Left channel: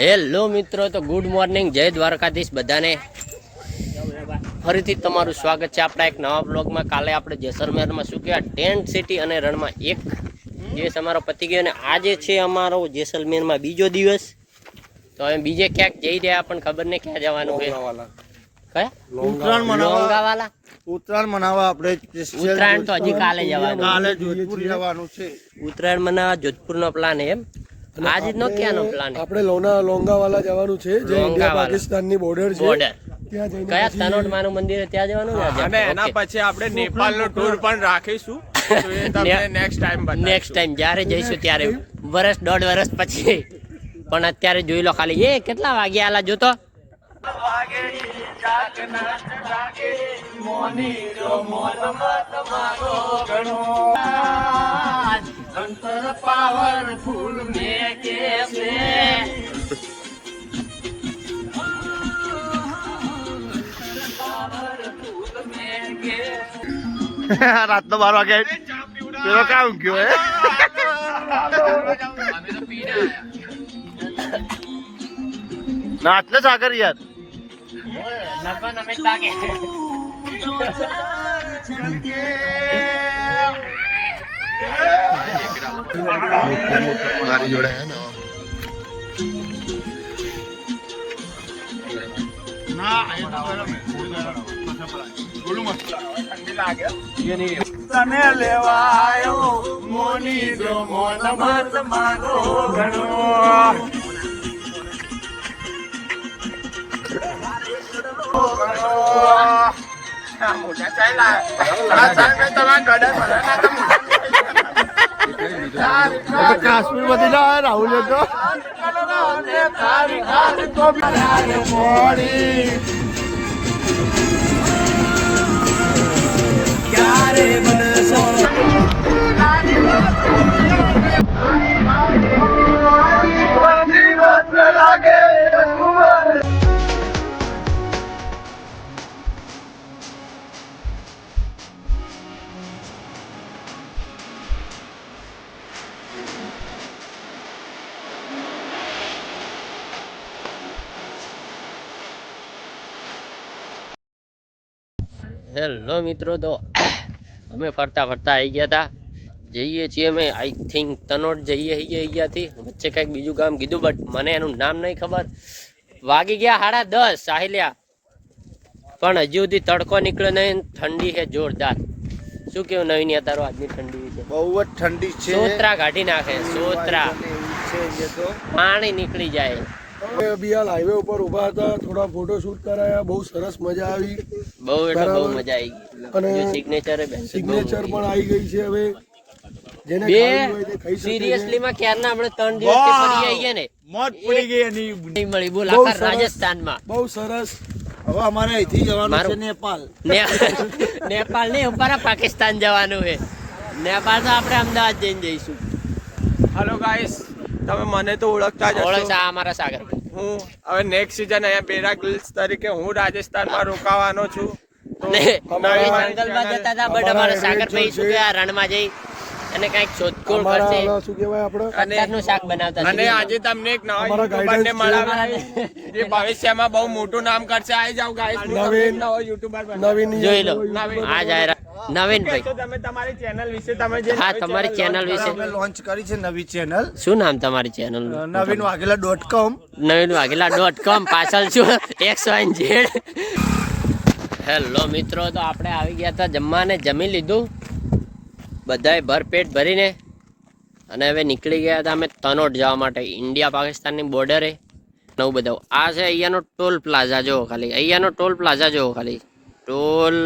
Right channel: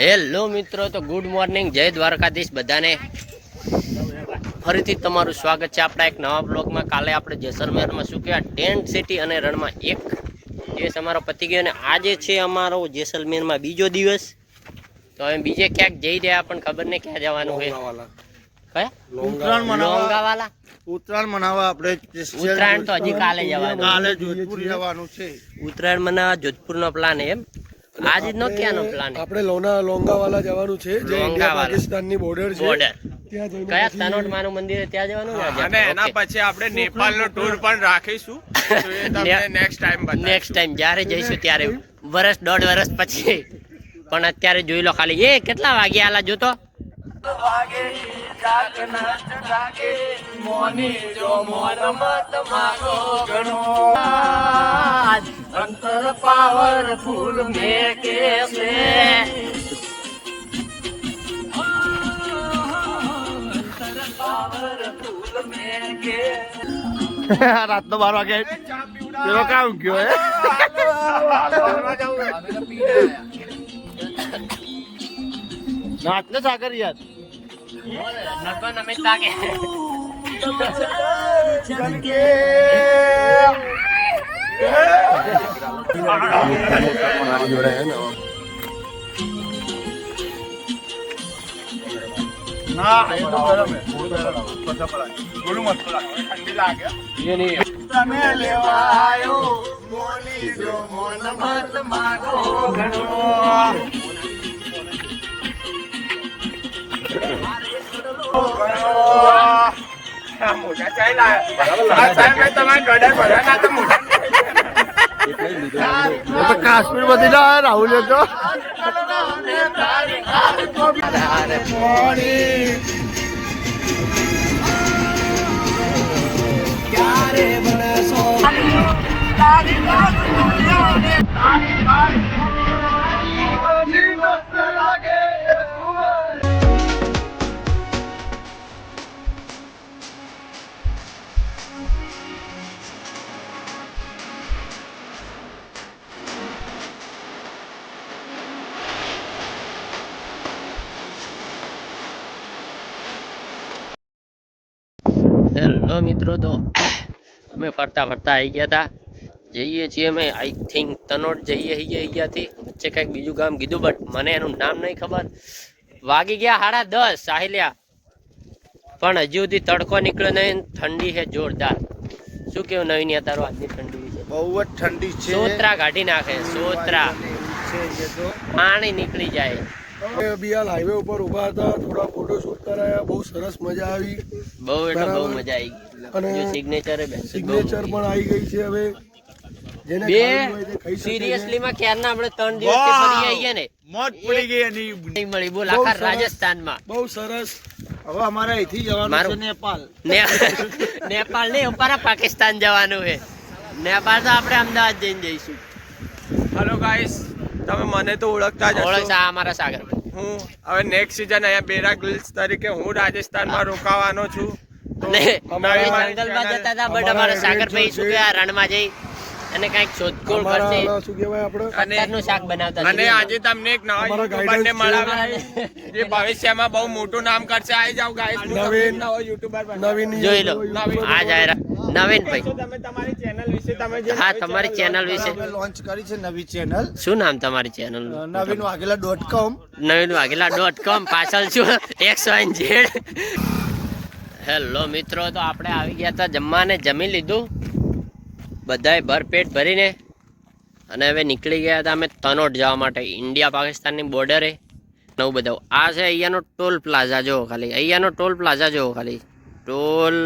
Hello મિત્રો, તો good morning, જય દ્વારકાધીશ બધાને. ફરીથી તમારું સ્વાગત છે આપણા એક નવા બ્લોગમાં. કાલે આપણે જેસલમેરમાં શું કહેવાય ટેન્ટ સિટી અને રણમાં એક દિવસ અમારો પતી ગયો અને આજે છે અમારો જેસલમેરમાં બીજો દિવસ. તો અમે બીજે ક્યાંક જઈ રહ્યા પણ ખબર નહીં ક્યાં જવાનું છે. કયા? લોંગાવાલા. ઉત્તરાયણ મનાવવા આપણે ઉત્તરાયણ તો હજી કાલે જવાનું. કાલે જોધપુર જવાનું છે. ઉત્તરાયણ મનાવવા જોધપુરનો પ્લાન એમ. આજ નો ક્યાંનો પ્લાન? આપણે લોંગાવાલા જવાનું છે, જે પાકિસ્તાનની બોર્ડર છે. બોર્ડર ત્યાં જઈને કયા તનોટ માનું મંદિર ત્યાં જવાનું ને? અને એના પછી આપણે નેપાળનો ટૂર પણ રાખીશું. નેક્સ્ટ ટાઈમ જ્યારે જઈશું ત્યારે, વર્ષ દોઢ વર્ષ પછી. પણ અત્યારે જોઈ લો ખાલી એ કેટલા વાગ્યા આલા જોતો. રાતનો 12 વાગે પેલો કામ ગયો હે. નાચ ને સાગર યાર. તમે લેવાયો મોની જો મોન મત માગો ઘણો. કાશ્મીર બધી ના રાહુલ તો હેલો મિત્રો, તો અમે ફરતા ફરતા આવી ગયા હતા. જઈએ છીએ અમે આઈ થિંક તનોટ જઈએ અહીંયાથી. વચ્ચે કંઈક બીજું ગામ કીધું બટ મને એનું નામ નહીં ખબર. વાગી ગયા 10:30 સાહિલ્યા, પણ હજી સુધી તડકો નીકળ્યો નહીં. ઠંડી છે જોરદાર. શું કેવું નવીન તારો આજની ઠંડી વિશે? બહુ જ ઠંડી છે. સોત્રા કાઢી નાખે, સોત્રા પાણી નીકળી જાય. બિયાલ હાઈવે ઉપર ઉભા હતા, થોડા ફોટો શૂટ કરાયા, બહુ સરસ મજા આવી. બહુ એટલે બહુ મજા આવી ગઈ. અને સિગ્નેચર પણ આવી ગઈ છે. હવે જેને બે ખાવી હોય તે ખાઈ શકે છે. સિરિયસલી માં ક્યારના આપણે 3 દિવસથી ફરી આવીએ ને, મોત પડી ગઈ એની. નહીં મળી. બોલ બહુ આખા સરસ. રાજસ્થાનમાં. બહુ સરસ. હવે અમારે અહીંથી જવાનું છે મારું- નેપાળ. નેપાળ નહીં, ઉપર પાકિસ્તાન જવાનું છે. નેપાળ તો આપણે અમદાવાદ જઈને જઈશું. હેલો ગાઈસ, તમે મને તો ઓળખતા જ ઓળખ હશો. આ અમારા સાગર. હું હવે નેક્સ્ટ સીઝન અહીંયા બેરા ગર્લ્સ તરીકે હું રાજસ્થાનમાં રોકાવાનો છું. તો અને નવી અમે મારી જંગલમાં channel- જતા હતા બટ અમારા સાગરભાઈ શું કે આ રણમાં જઈ અને કઈક શોધખોળ અમારા કરશે. ઓલા શું કહેવાય આપણે અત્યારનું શાક બનાવતા અને શીખી આજે તમને એક નવા અમારા યુટ્યુબર ને guidance મળાવ્યા જે ભવિષ્યમાં બહુ મોટું નામ કરશે. આવી જાવ ગાઈસ, હું તમને એક નવો યુટ્યુબર નવીન જોઈ લો. આ જાહેરાત નવીનભાઈ. તમે તમારી ચેનલ વિશે તમે જે હા, તમારી ચેનલ વિશે અમે લોન્ચ કરી છે નવી ચેનલ શું નામ તમારી ચેનલ? naveenwagela.com. નવીનવાઘેલા.com. પાછળ શું XYZ. હેલો મિત્રો, તો આપણે આવી ગયા હતા જમવાને, જમી લીધું બધાએ ભરપેટ ભરીને અને હવે નીકળી ગયા હતા અમે તનોટ જવા માટે, ઇન્ડિયા પાકિસ્તાનની બોર્ડરે. નવું બધા આ છે અહીંયાનો ટોલ પ્લાઝા. જુઓ ખાલી અહીંયાનો ટોલ પ્લાઝા જુઓ ખાલી. ટોલ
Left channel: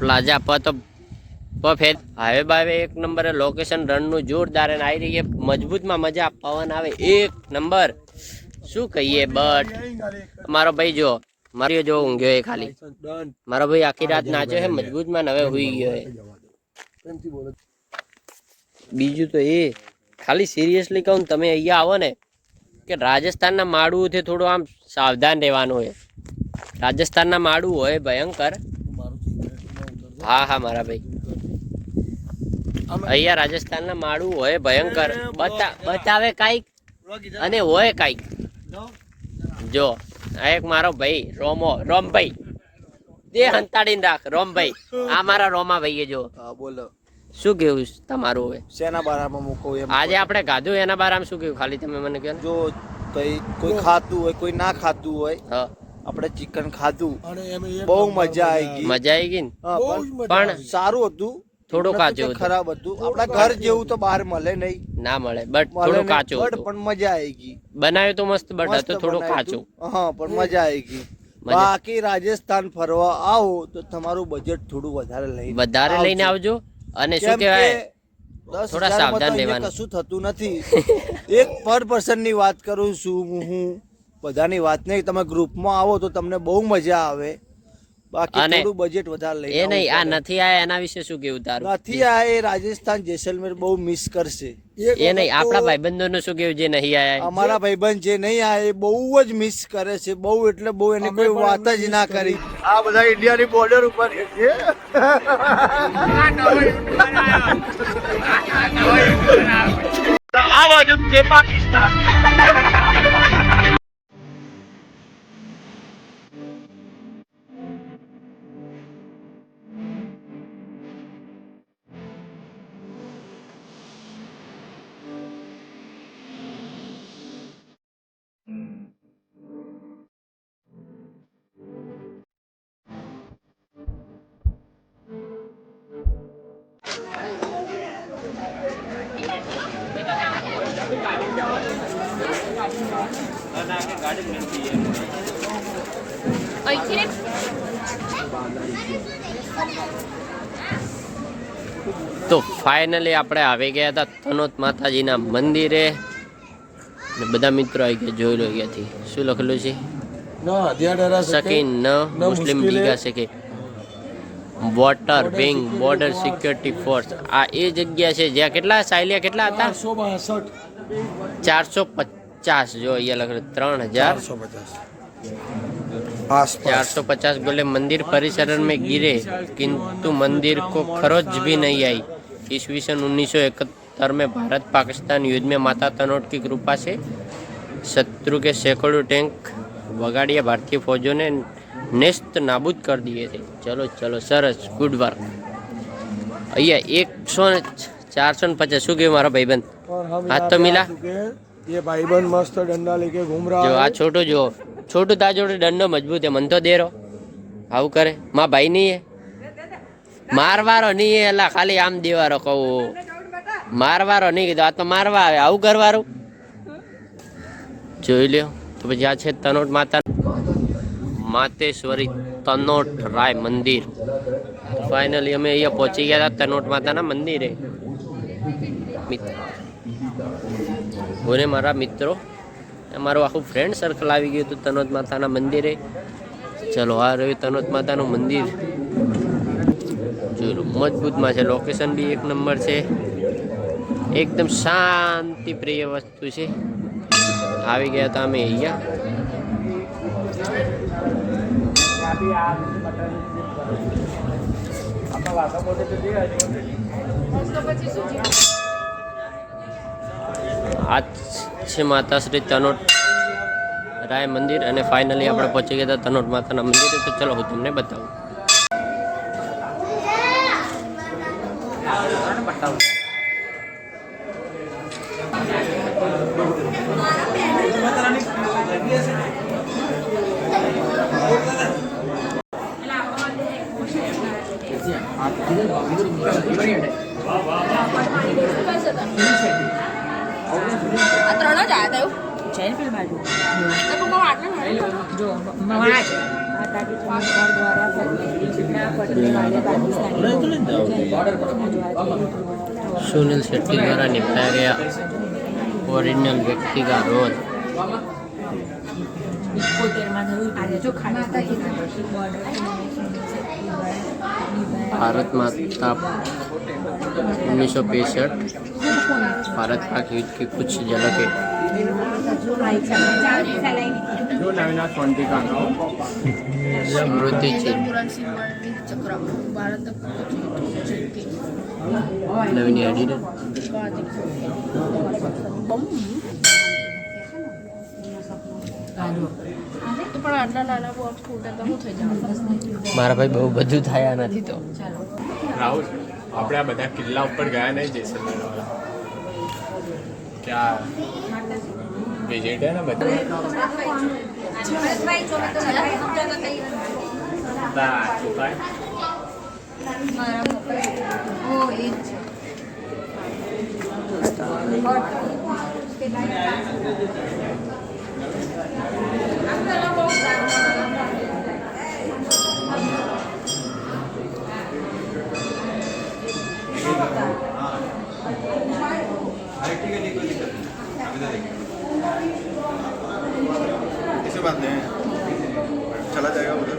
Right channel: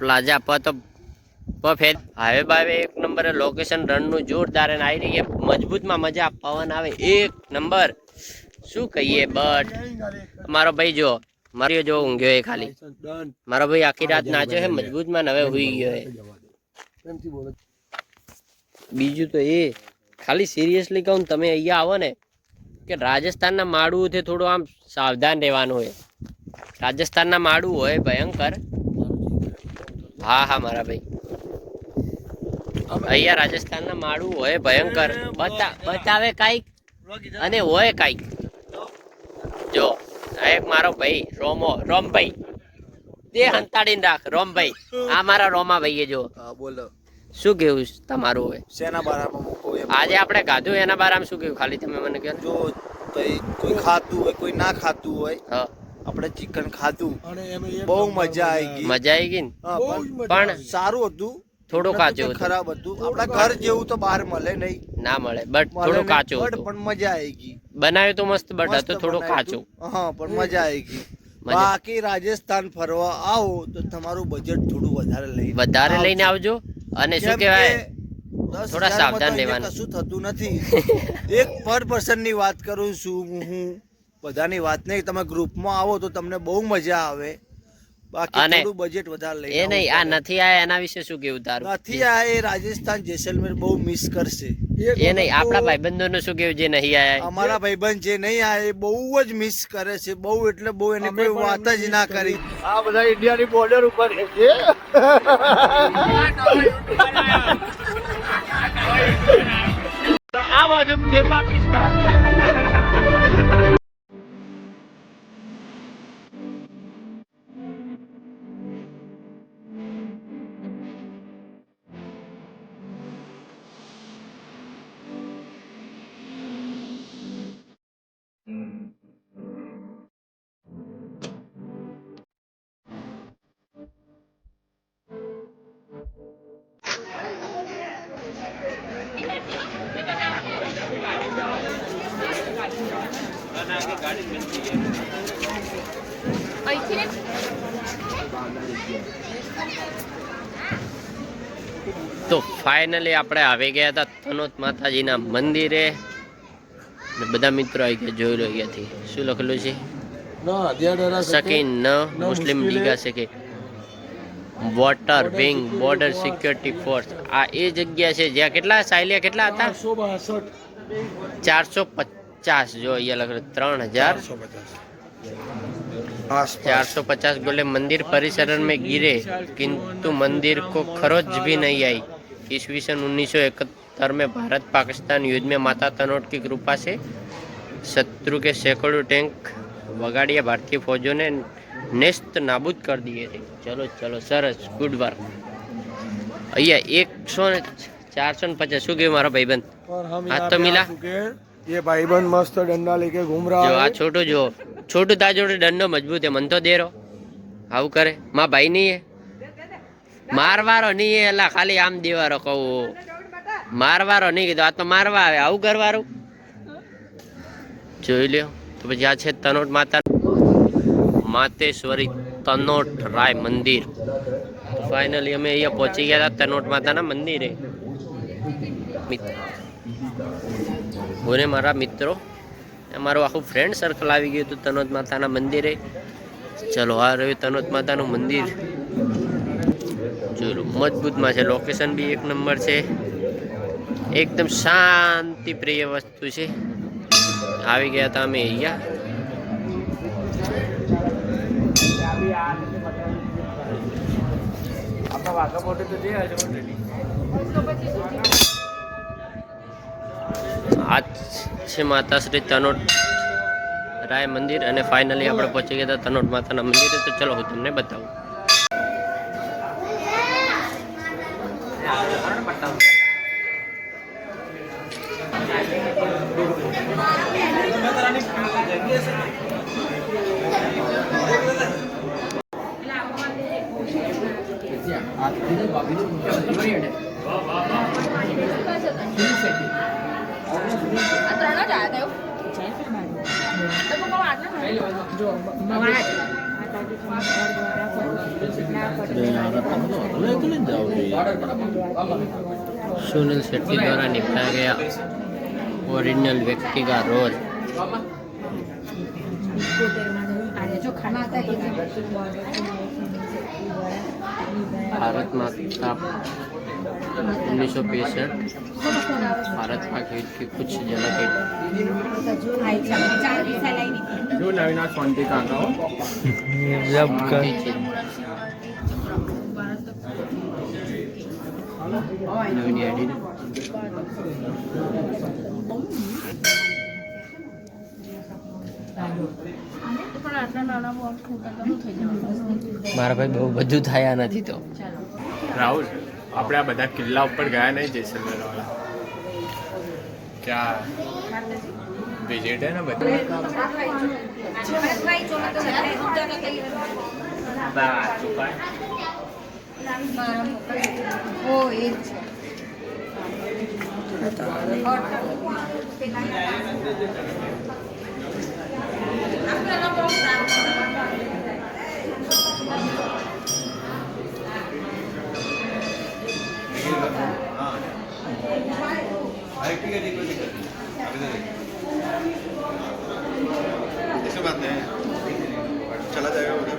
પ્લાઝા હાઈવે બાવે એક નંબરે લોકેશન. રણનું જોરદાર અને આવી રહી મજબૂતમાં મજા, પવન આવે એક નંબર. શું કહીએ બટ મારો ભાઈ જો મારી જો ઊંઘ્યો એ ખાલી. મારો ભાઈ આખી રાત નાચ્યો છે મજબૂતમાં, હવે હુઈ ગયો છે. બીજું તો એ ખાલી સિરિયસલી કહું, તમે અહીંયા આવો ને કે રાજસ્થાનના માળુથી થોડું આમ સાવધાન રહેવાનું હોય. રાજસ્થાનના માળું હોય ભયંકર. હા હા મારા ભાઈ, અહીંયા રાજસ્થાનના માળું હોય ભયંકર, બતાવે કાંઈક અને હોય કાંઈક. જો આ એક મારો ભાઈ રોમભાઈ, તે હંતાડીને રાખ રોમભાઈ. આ મારા રોમાભાઈ જો. હા બોલો, શું કેવું તમારું હોય શેના બારામાં મૂકો એમ? આજે આપણે ગાધું એના બારામાં શું કેવું, ખાલી તમે મને કહો ને. જો ભાઈ કોઈ ખાતું હોય કોઈ ના ખાતું હોય, હા આપણે ચિકન ખાધું, અને એમાં એક બહુ મજા આવી ગઈ. મજા આવી ગઈ ને, હા, બહુ જ મજા પણ સારું હતું, થોડું કાચું હતું. ખરાબ હતું. આપણા ઘર જેવું તો બહાર મળે નહીં, ના મળે, બટ મળે થોડું નહીં, કાચું but હતું. પણ મજા આવી ગઈ. બનાવ્યું તો મસ્ત, બટ મસ્ત હતું થોડું બનાવ્યું કાચું. હતું. હા પણ મજા આવી ગઈ. મજા. બાકી રાજસ્થાન ફરવા આવો તો તમારું બજેટ થોડું વધારે લઈને આવજો. અને શું કેમ કહેવાય, કે 10,000 થોડા સાવધાન માં તો રહેવાનું. કશું થતું નથી. એક પર પર્સન ની વાત કરું છું હું, બધાની વાત નહીં. તમે ગ્રુપમાં આવો તો તમને બહુ મજા આવે. બાકી અને થોડું બજેટ વધારે લઈને એ નહીં, આ આવવું પડે. નથી આયા એના વિશે શું કેવું તારું? નથી આ એ રાજસ્થાન જેસલમેર બહુ મિસ કરશે. એ નહીં, આપણા ભાઈબંધોનું શું કેવું જે નહીં આયા? અમારા ભાઈબંધ જે નહીં આ એ બહુ જ મિસ કરે છે, બહુ એટલે બહુ, એની કોઈ વાત જ ના કરી. આ બધા ઇન્ડિયાની બોર્ડર ઉપર છે. આ બાજુ છે પાકિસ્તાન. તો ફાઇનલી આપણે આવી ગયા હતા તનોત માતાજીના મંદિરે ને બધા મિત્રો આવી ગયા. જોઈ લો અહીંયાથી શું લખેલું છે, સકીન ન મુસ્લિમ લીગા છે, water wing border security force. આ એ જગ્યા છે જ્યાં કેટલા સાયલિયા કેટલા હતા? 450. જો અહીંયા લખેલું 3,450 गोले मंदिर परिसर में गिरे किंतु मंदिर को खरोच भी नहीं आई. ईस्वीसन 1971 में भारत पाकिस्तान युद्ध में माता तनोट की कृपा से शत्रु के सैकड़ों टैंक वगाड़िया भारतीय फौजों ने नेस्त नाबूद कर दिए थे. चलो चलो सरस, गुड वर्क. અહીંયા 450 શું કહ્યું મારા ભાઈબંધ? और हम हाथ यहाँ तो पे मिला? आ चुके हैं. ये भाईबंद मस्त डंडा लेके घूम रहा જો આ है. છોટું જો, છોટું તા જોડે દંડો મજબૂત હે, મન તો દેરો આવું કરે. માં ભાઈ નહીં હે, મારવારો નહીં હે, એલા ખાલી આમ દેવારો કહું, મારવારો નહીં કીધું, આ તો મારવા આવે. આવું કરવારું જોઈ લ્યો. તો પછી આ છે તનોટ માતા માતેશ્વરી તનોટ રાય મંદિર. ફાઇનલી અમે અહીંયા પહોંચી ગયા હતા તનોટ માતાના મંદિરે. હું ને મારા મિત્રો, અમારું આખું ફ્રેન્ડ સર્કલ આવી ગયું હતું તનોત માતાના મંદિરે. ચલો આ રહ્યું તનોત માતાનું મંદિર. જો મજબૂતમાં છે, લોકેશન બી એક નંબર છે, એકદમ શાંતિ પ્રિય વસ્તુ છે. આવી ગયા હતા અમે અહીંયા. આ છે માતા શ્રી તનોટ રાય મંદિર. અને ફાઇનલી આપણે પહોંચી ગયા હતા તનોટ માતાના મંદિરે. તો ચલો હું તમને બતાવું. सुनील शेट्टी द्वारा निभाया गया ओरिजिनल व्यक्ति का रोल. भारत माता 1965 भारत पाक युद्ध की कुछ झलकें. समृद्धि चिन्ह નવીન એડિટ મારા ભાઈ બહુ બધું થયા નથી તો રાહુલ આપણે આ બધા કિલ્લા ઉપર ગયા નહીં જેસલમેર ક્યાં વિઝિટ હે ને બધા ऐसी बात नहीं है चला जाएगा उधर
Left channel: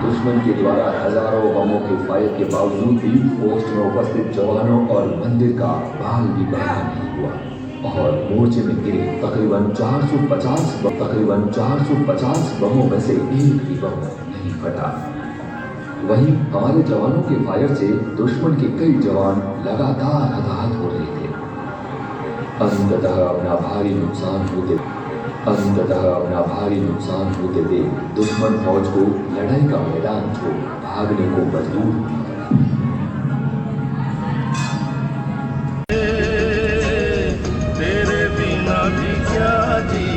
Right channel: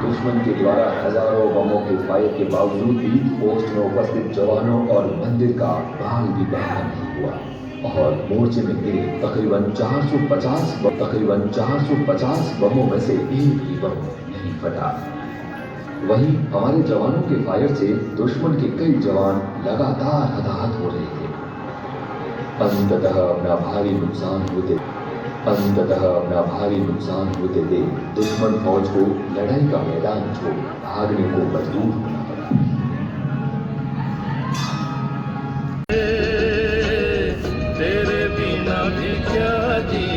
दुश्मन के द्वारा हजारों बमों के फायर के बावजूद भी पोस्ट में उपस्थित जवानों और मंदिर का भाग भी बंद नहीं हुआ और मोर्चे में गिरे तकरीबन 450 बमों में से एक भी बम नहीं फटा। वहीं हमारे जवानों के फायर से दुश्मन के कई जवान लगातार हताहत हो रहे थे। अंततः अपना भारी नुकसान होते देख दुश्मन फौज को लड़ाई का मैदान छोड़ भागने को मजबूर होना पड़ा। तेरे बिना भी क्या जी